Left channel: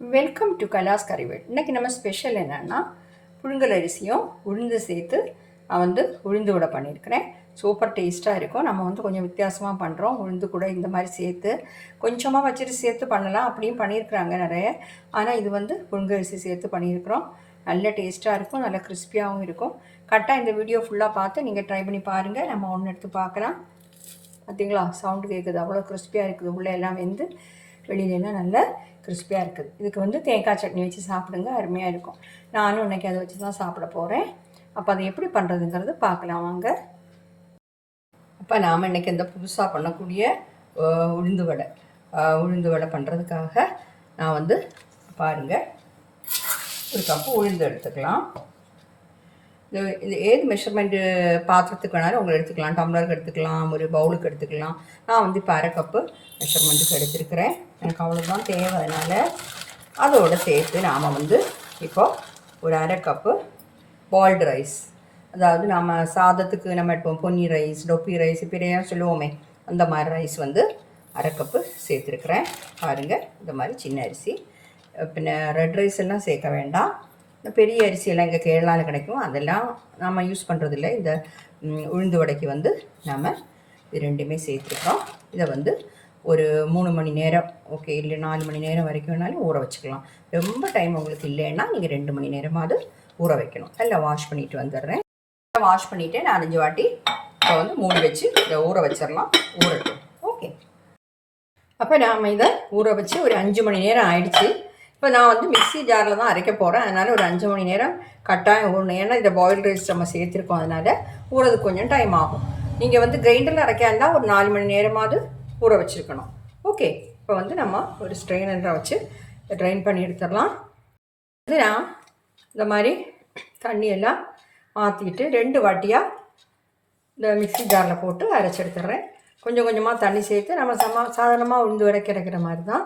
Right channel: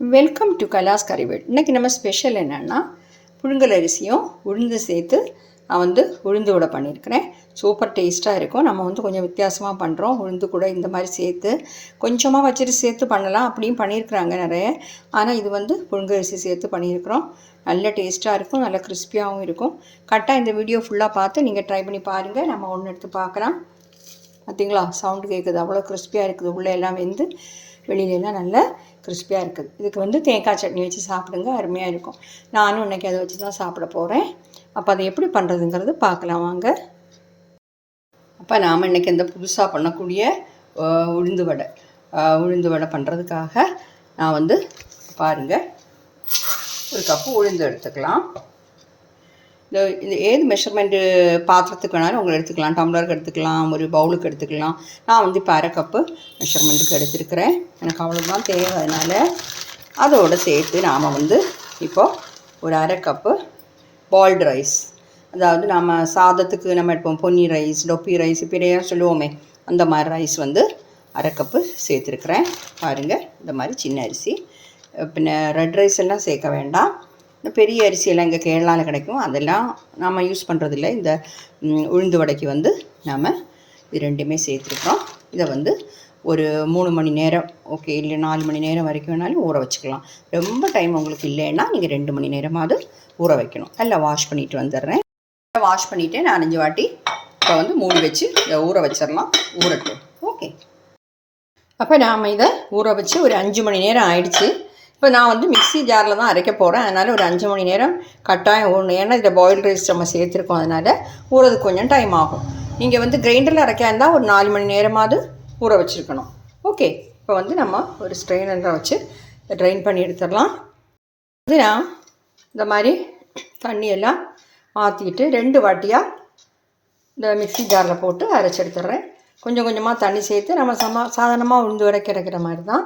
Welcome to கலாஸ் கறிவேட் இன்றைக்கி நம்ம special என்னென்னா புழுங்கல் அரிசியும் உளுந்து சேர்த்து நான் வந்து உளுந்து கூட பண்ணியிருக்கிறேன். சூப்பர் டேஸ்ட்டாக இருக்கும். நம்ம வந்து கொஞ்சம் வித்தியாசமாக பண்ணுறோம் உளுந்து கூட இந்த மாதிரி சேர்த்து கொஞ்சமாக வச்சுட்டு சேர்த்து பண்ணலாம். அப்படியும் பண்ணியிருக்கிறாங்க நிறைய. ஆனால் இது வந்து புழுங்கல் அரிசி சேர்த்து பண்ணியிருக்கிறோம். நல்ல டேஸ்ட்டாக இருக்கும். நல்ல கிறிஸ்பியாகவும் இருக்கும். கரெக்டாக இந்த வீடியோ ஃபுல்லாக பார்த்து நீங்கள் ட்ரை பண்ணி பாருங்கள் நம்ம ஒன்று எடுத்து பார்க்கலாம். பார்த்தீங்களா சவுண்டு கேட்குது அவ்வளோ கிறிஸ்பியாக இருக்குது. உள்ளே எல்லாம் வெந்து வெளியிலலாம் நல்லா கிறிஸ்பியாக இருக்குது. இதுக்கு வந்து தேங்காய் சட்னி வச்சு சாப்பிடுங்க அருமையாக இருக்கும். நானும் இன்றைக்கி அதை வச்சு தான் சாப்பிட போகிறேன் அப்போ அதை எப்படி பண்ணுறதுங்கிறது பார்க்கலாம் வாங்க. அப்போ நாம் இன்றைக்கி இந்த புதுசாக பண்ணக்கூடிய உளுந்து வடை. உளுந்து வடை பண்ணுறதுக்காக நான் வந்து பாருங்கள் ஒரு கப்பு உளுந்து எடுத்துக்கலாம். இது இது ஏது மெஷர்மெண்ட்டு பாத்திரத்துக்கு வேணாலும் உங்களை எடுத்துக்கலாம். டம்ளருக்கு எடுத்துக்கலாம் ஒரு பவுலுக்கு எடுத்துக்கலாம். நான் வந்து இப்போ அரை கப்பு மெஷர்மெண்ட்டுக்கு எடுத்துருக்கிறேன். எனக்கு அவ்வளோதான் தேவை. அதனால் அதோடு சேர்த்து நாம் வந்து இப்போது ஒரு அரை கப்பு பால்டு ரைஸ் அதாவது நாம் சாதத்துக்கு நம்ம எடுப்போம். பொன்னி ரைஸ் டொப்பி ரைஸ் இப்படியே சொல்லுவோமே. அந்த மாதிரி ரைஸ் வந்து அரை கப்பு சேர்த்துருக்குறேன். பாருங்கள் இந்த மாதிரி சின்ன அரிசி. பின்ன ரெட் ரைஸ் எல்லாம் சேர்க்க வேண்டாம். இந்த பெரிய அரிசியெல்லாம் இங்கே கேரளாவில் கிடைக்கும். அதெல்லாம் நாம் யூஸ் பண்ணுறதில்ல இந்த உளுந்து வடைக்கு வந்து நாம் இது ரெண்டுமே சேர்த்துருக்கோம் இதை வந்து ஒரு மூணு மணி நேரம் ஓகே இல்லை நாலு மணி நேரம் வரைக்கும் வேணாலும் ஊற வச்சுக்கலாம். ரொம்ப டைம் உங்களுக்கு இல்லைன்னா நீங்கள் ரெண்டு மணி நேரமாவது ஊற வைக்கணும். நல்லா வாஷ் பண்ணிட்டு வந்துடுறேன். வாஷ் பண்ணிவிட்டு நான் அஞ்சு வாட்டி இப்போ வந்து மூடி வச்சு இதை ஊற வச்சிடலாம். ஊறட்டும். ஓகே அப்போ நாம் இதை ஊற வச்சு ஒரு அஞ்சு மணி நேரம் ஆயிடுச்சு. இப்போ நான் வந்து மிக்ஸி ஜாரில் தான் அரைக்க போகிறேன் அதனால் ஒரு அஞ்சு மணி நேரம் கட்டாயம் ஒன்று ஏன்னா இதில் பாயில் ரைஸ் நம்ம சேர்த்துருக்கோம். அதனால் ஊறதுக்கு கொஞ்சம் டைம் ஆகும். நீங்கள் வந்து கிரைண்டரில் அரைக்க இருந்தால் ஒரு நாலு மணி நேரமாவது ஊற வச்சுருக்கணும். ஓகே இப்போ வந்து நம்ம ஒரு ஸ்ட்ரெயினரை வச்சு ட்ரைன் பண்ணி எடுத்துடலாம். இது நான் இந்த மாதிரி தண்ணியெல்லாம் மாற்றிக்கிட்டு ரெண்டு வாட்டியாக இந்த மிக்ஸி ஜாரில் போட்டு அரைச்சி எடுத்துடுறேன். கொஞ்சம் கொஞ்சமாக தண்ணி சேர்த்து நம்ம சமா சாதாரணமாக உளுந்து வரைக்கும் அரைக்கிற மாதிரி தான்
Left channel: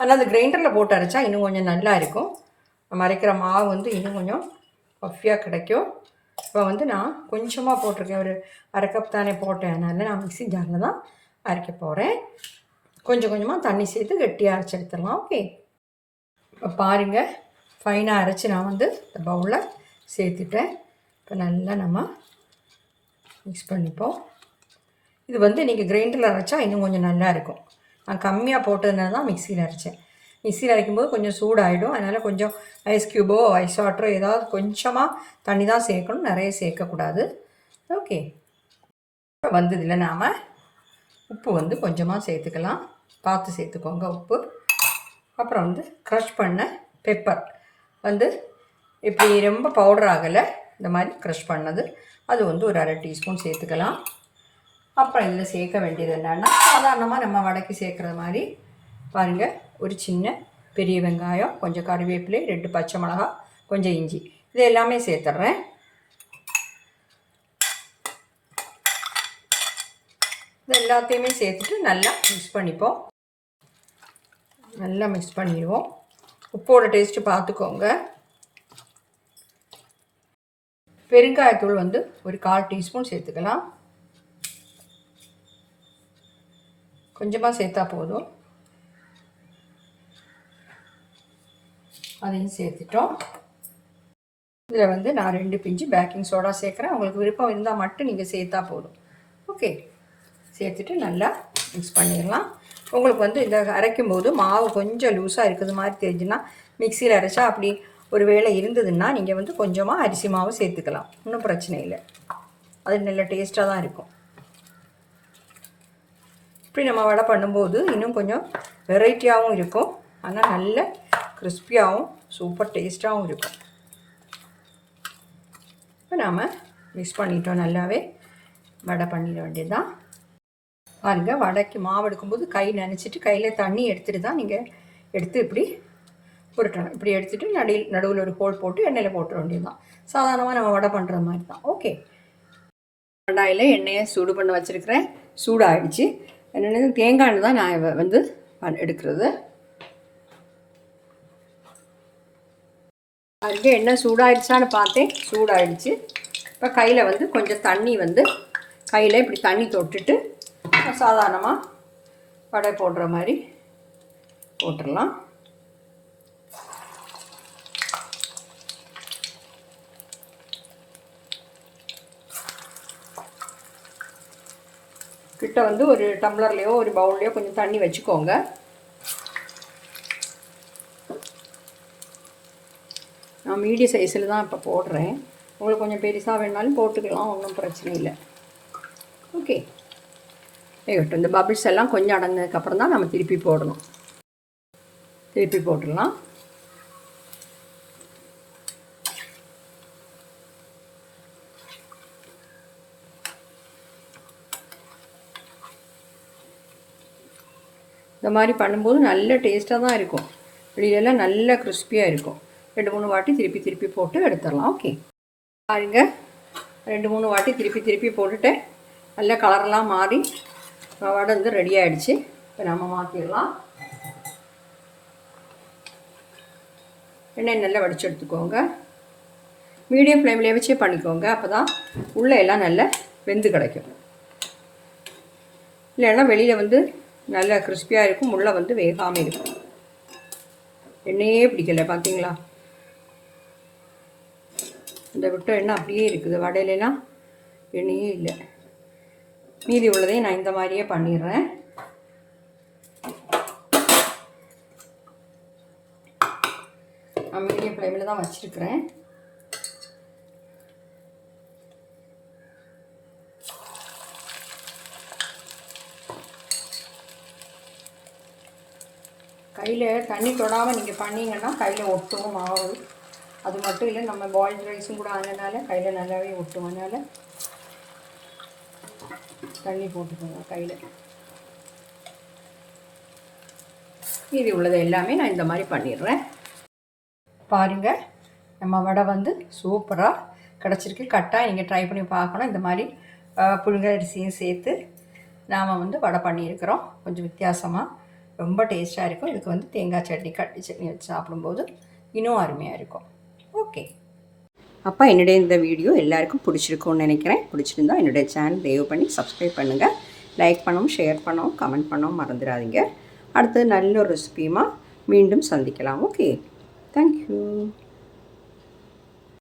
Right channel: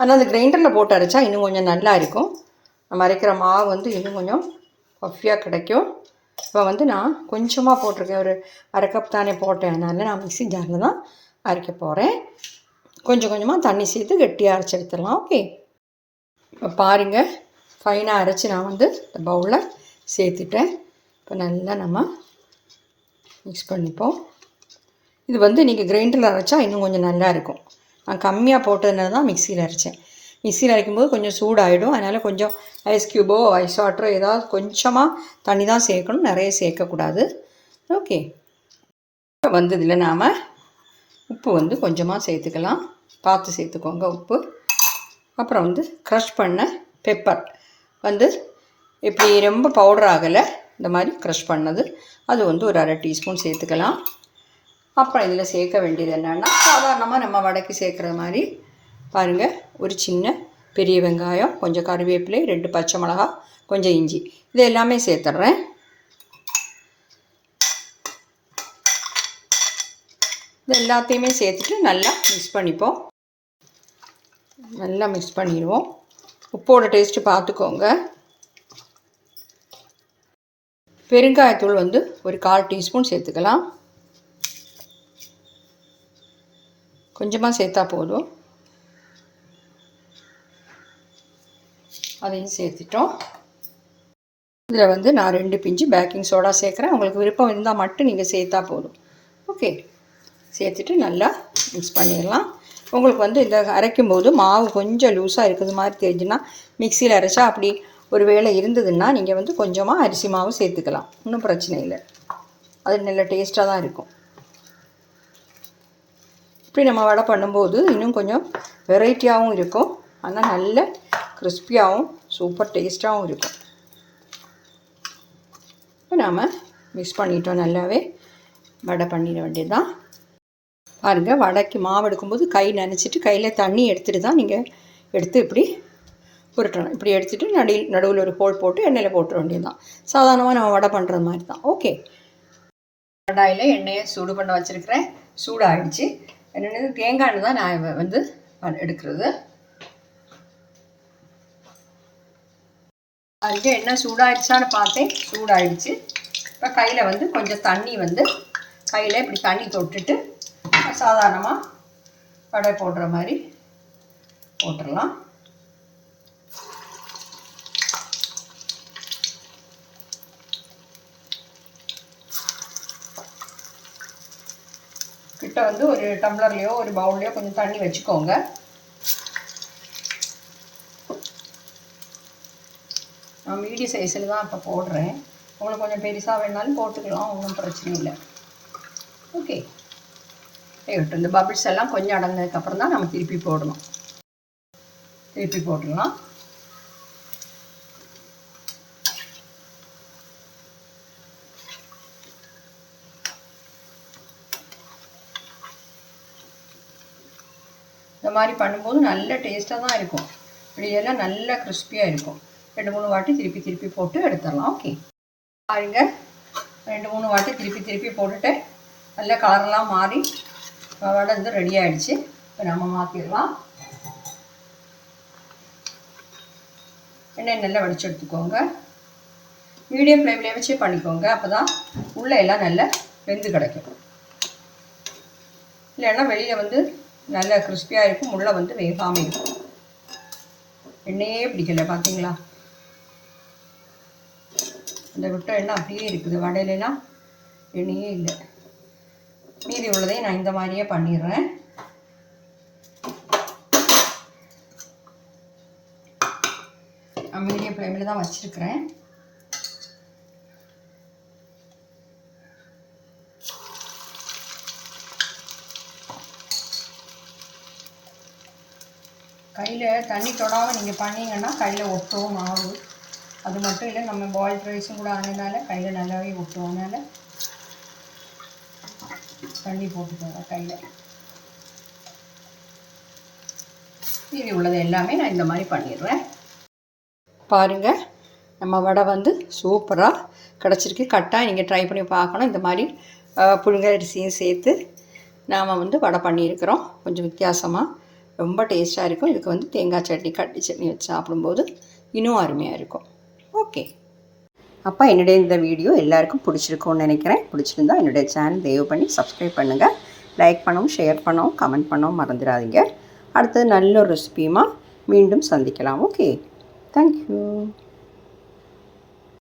ஆனால் அந்த கிரைண்டரில் போட்டு அரைச்சா இன்னும் கொஞ்சம் நல்லா இருக்கும். நம்ம அரைக்கிற மாவு வந்து இன்னும் கொஞ்சம் பஃபியாக கிடைக்கும். இப்போ வந்து நான் கொஞ்சமாக போட்டிருக்கேன். ஒரு அரை கப் தானே போட்டேன். அதனால் நான் மிக்சி ஜாரில் தான் அரைக்க போகிறேன் கொஞ்சம் கொஞ்சமாக தண்ணி சேர்த்து கெட்டியாக அரைச்சி எடுத்துடலாம். ஓகே இப்போ பாருங்கள் ஃபைனாக அரைச்சி நான் வந்து இந்த பவுலில் சேர்த்துட்டேன். இப்போ நல்லா நம்ம மிக்ஸ் பண்ணிப்போம். இது வந்து நீங்கள் கிரைண்டரில் அரைச்சா இன்னும் கொஞ்சம் நல்லா இருக்கும். நான் கம்மியாக போட்டதுனால தான் மிக்சியில் அரைச்சேன். மிக்சியில் அரைக்கும்போது கொஞ்சம் சூடாகிடும் அதனால் கொஞ்சம் ஐஸ் க்யூபோ ஐஸ் வாட்டரோ ஏதாவது கொஞ்சமாக தண்ணி தான் சேர்க்கணும். நிறைய சேர்க்கக்கூடாது. ஓகே வந்ததில் நாம் உப்பு வந்து கொஞ்சமாக சேர்த்துக்கலாம். பார்த்து சேர்த்துக்கோங்க உப்பு. அப்புறம் வந்து க்ரஷ் பண்ண பெப்பர் வந்து இப்படி ரொம்ப பவுடர் ஆகலை. இந்த மாதிரி க்ரஷ் பண்ணது. அது வந்து ஒரு அரை டீஸ்பூன் சேர்த்துக்கலாம். அப்புறம் இதில் சேர்க்க வேண்டியது என்னென்னா சாதாரணமாக நம்ம வடைக்கு சேர்க்குற மாதிரி பாருங்கள் ஒரு சின்ன பெரிய வெங்காயம் கொஞ்சம் கருவேப்பிலை ரெண்டு பச்சை மிளகா கொஞ்சம் இஞ்சி. இது எல்லாமே சேர்த்துட்றேன். இது எல்லாத்தையுமே சேர்த்துட்டு நல்லா மிக்ஸ் பண்ணிப்போம். நல்லா மிக்ஸ் பண்ணிடுவோம். உப்போட டேஸ்ட்டு பார்த்துக்கோங்க. பெருங்காயத்தூள் வந்து ஒரு கால் டீஸ்பூன் சேர்த்துக்கலாம். கொஞ்சமாக சேர்த்தா போதும். அதையும் சேர்த்துட்டோம். இதில் வந்து நான் ரெண்டு பிஞ்சு பேக்கிங் சோடா சேர்க்குறேன். உங்களுக்கு விருப்பம் இருந்தால் மட்டும் நீங்கள் சேர்த்தா போதும். ஓகே. சேர்த்துட்டு நல்லா மிக்ஸ் பண்ணிடலாம். உங்களுக்கு வந்து இந்த அரைக்கும் போது மாவு கொஞ்சம் லூஸாக இருக்குது மாதிரி தெரிஞ்சுன்னா மிக்சியில் அரைச்சா அப்படி ஒரு வேளை இருந்ததுன்னா நீங்கள் வந்து கொஞ்சமாக அரிசி மாவு சேர்த்துக்கலாம். ஒன்றும் பிரச்சனை இல்லை. அது நல்ல டேஸ்ட்டாக தான் இருக்கும். இப்படி நம்ம வடை பண்ணும்போது இன்னும் கொஞ்சம் வெரைட்டியாகவும் இருக்கும். ஆனால் நல்ல கிறிஸ்பியாகவும் சூப்பர் டேஸ்ட்டாகவும் இருக்கும். இப்போ நாம் மிக்ஸ் பண்ணிட்டோம் நல்லாவே. வடை பண்ணிட வேண்டியது தான் பாருங்கள் வடைக்கு மாவு எடுக்கும்போது கை நினச்சிட்டு கையில் தண்ணி எடுத்துகிட்டு தான் நீங்கள் எடுத்து இப்படி உருட்டணும் இப்படி எடுத்துகிட்டு நடுவில் நடுவில் ஒரு ஹோல் போட்டு எண்ணெயில் போட்டுற வேண்டியதுதான். சாதாரணமாக நம்ம வடை பண்ணுற மாதிரி தான் ஓகே கடாயில் எண்ணெயை சூடு பண்ண வச்சுருக்கிறேன். சூடாகிடுச்சு என்னென்னது தேங்காய் தான் நான் வந்து எடுக்கிறது. அதுக்கு என்ன சூடாயிடுச்சான்னு பார்த்தேன். சூடாயிடுச்சு. இப்போ கையில் வந்து கொஞ்சம் தண்ணி வந்து கையில் இப்படி தண்ணி தொட்டுட்டு சாதாரணமாக வடை போடுற மாதிரி போட்டுடலாம். கிட்ட வந்து ஒரு டம்ளர்லேயோ ஒரு பவுல்லையோ கொஞ்சம் தண்ணி வச்சுக்கோங்க. நான் மீடியம் சைஸில் தான் இப்போ போடுறேன். உங்களுக்கு கொஞ்சம் பெருசாக வேணாலும் போட்டுக்கலாம் ஒன்றும் பிரச்சனை இல்லை. ஓகே ஐயோட்டும் இந்த பபிள்ஸ் எல்லாம் கொஞ்சம் அடங்கினதுக்கப்புறம் தான் நம்ம திருப்பி போடணும். திருப்பி போட்டுடலாம். இந்த மாதிரி பண்ணும்போது நல்ல டேஸ்ட்டாக தான் இருக்கும். வெளியிலலாம் நல்ல கிறிஸ்பியாக இருக்கும். ரெண்டு மூணு வாட்டி திருப்பி திருப்பி போட்டு எடுத்துடலாம். ஓகே பாருங்க. ரெண்டு மூணு வாட்டி திருப்பி திருப்பி போட்டுட்டு நல்ல கலரெல்லாம் மாறி வடை வந்து ரெடி ஆகிடுச்சு இப்போ நம்ம மாற்றிடலாம் எண்ணெய் நல்லா வடிச்சு எடுத்துக்கோங்க. மீடியம் ஃப்ளேம்லேயே வச்சே பண்ணிக்கோங்க. அப்போ தான் உள்ளே எல்லாம் நல்லா வெந்து கிடைக்கும். இல்லைன்னா வெளியில் வந்து நல்ல கிறிஸ்பியாக இருக்கும். உள்ளே வந்து வேகாமல் இருக்கும். எண்ணெயே பிடிக்கல பார்த்தீங்களா இந்த விட்ட எண்ணெய் அப்படியே இருக்குது. வடையிலலாம் எண்ணெயே இல்லை. மீதி உள்ளதையும் நான் இந்த மாதிரியே பண்ணிடுறேன். நான் மீடியம் ஃப்ளேமில் தான் வச்சுருக்கிறேன். கையில் தண்ணி தொடாமல் நீங்கள் பண்ணிங்கன்னா கையில் ஒட்டவும் ஆகும் அது மட்டும் இல்லை நம்ம பாயில் ரைஸும் கூட ஆனதுனால கையில் நல்லாவே ஒட்டும். அதனால் தண்ணி போட்டுக்கோங்க கையில். மீதி உள்ளது எல்லாமே நான் இந்த மாதிரி பண்ணிடுறேன். பாருங்கள் நம்ம வடை வந்து சூப்பராக கிடச்சிருக்கு. கட்டாக நீங்கள் ட்ரை பண்ணி பார்க்கணும். இந்த மாதிரி அஹ், புழுங்கரிசியும் சேர்த்து நாம் வந்து வடை பண்ணியிருக்கிறோம். கொஞ்சம் வித்தியாசமாக ரொம்ப டேஸ்ட்டாக இருக்கும். இதுக்கு வந்து தேங்காய் சட்னி கட்டி சட்னி வச்சு சாப்பிடும்போது இன்னும் அருமையாக இருக்கும். ஓகே. அப்போ என்னுடைய இந்த வீடியோ எல்லாருக்கும் பிடிச்சிருக்கும்னு நினைக்கிறேன். பிடிச்சிருந்தா என்னுடைய சேனல் தயவு பண்ணி சப்ஸ்கிரைப் பண்ணுங்கள் லைக் பண்ணவும் ஷேர் பண்ணவும் கமெண்ட் பண்ணவும் மறந்துடாதீங்க. அடுத்தது நல்ல ஒரு ரெசிபியுமா மீண்டும் சந்திக்கலாம். ஓகே. Thank you.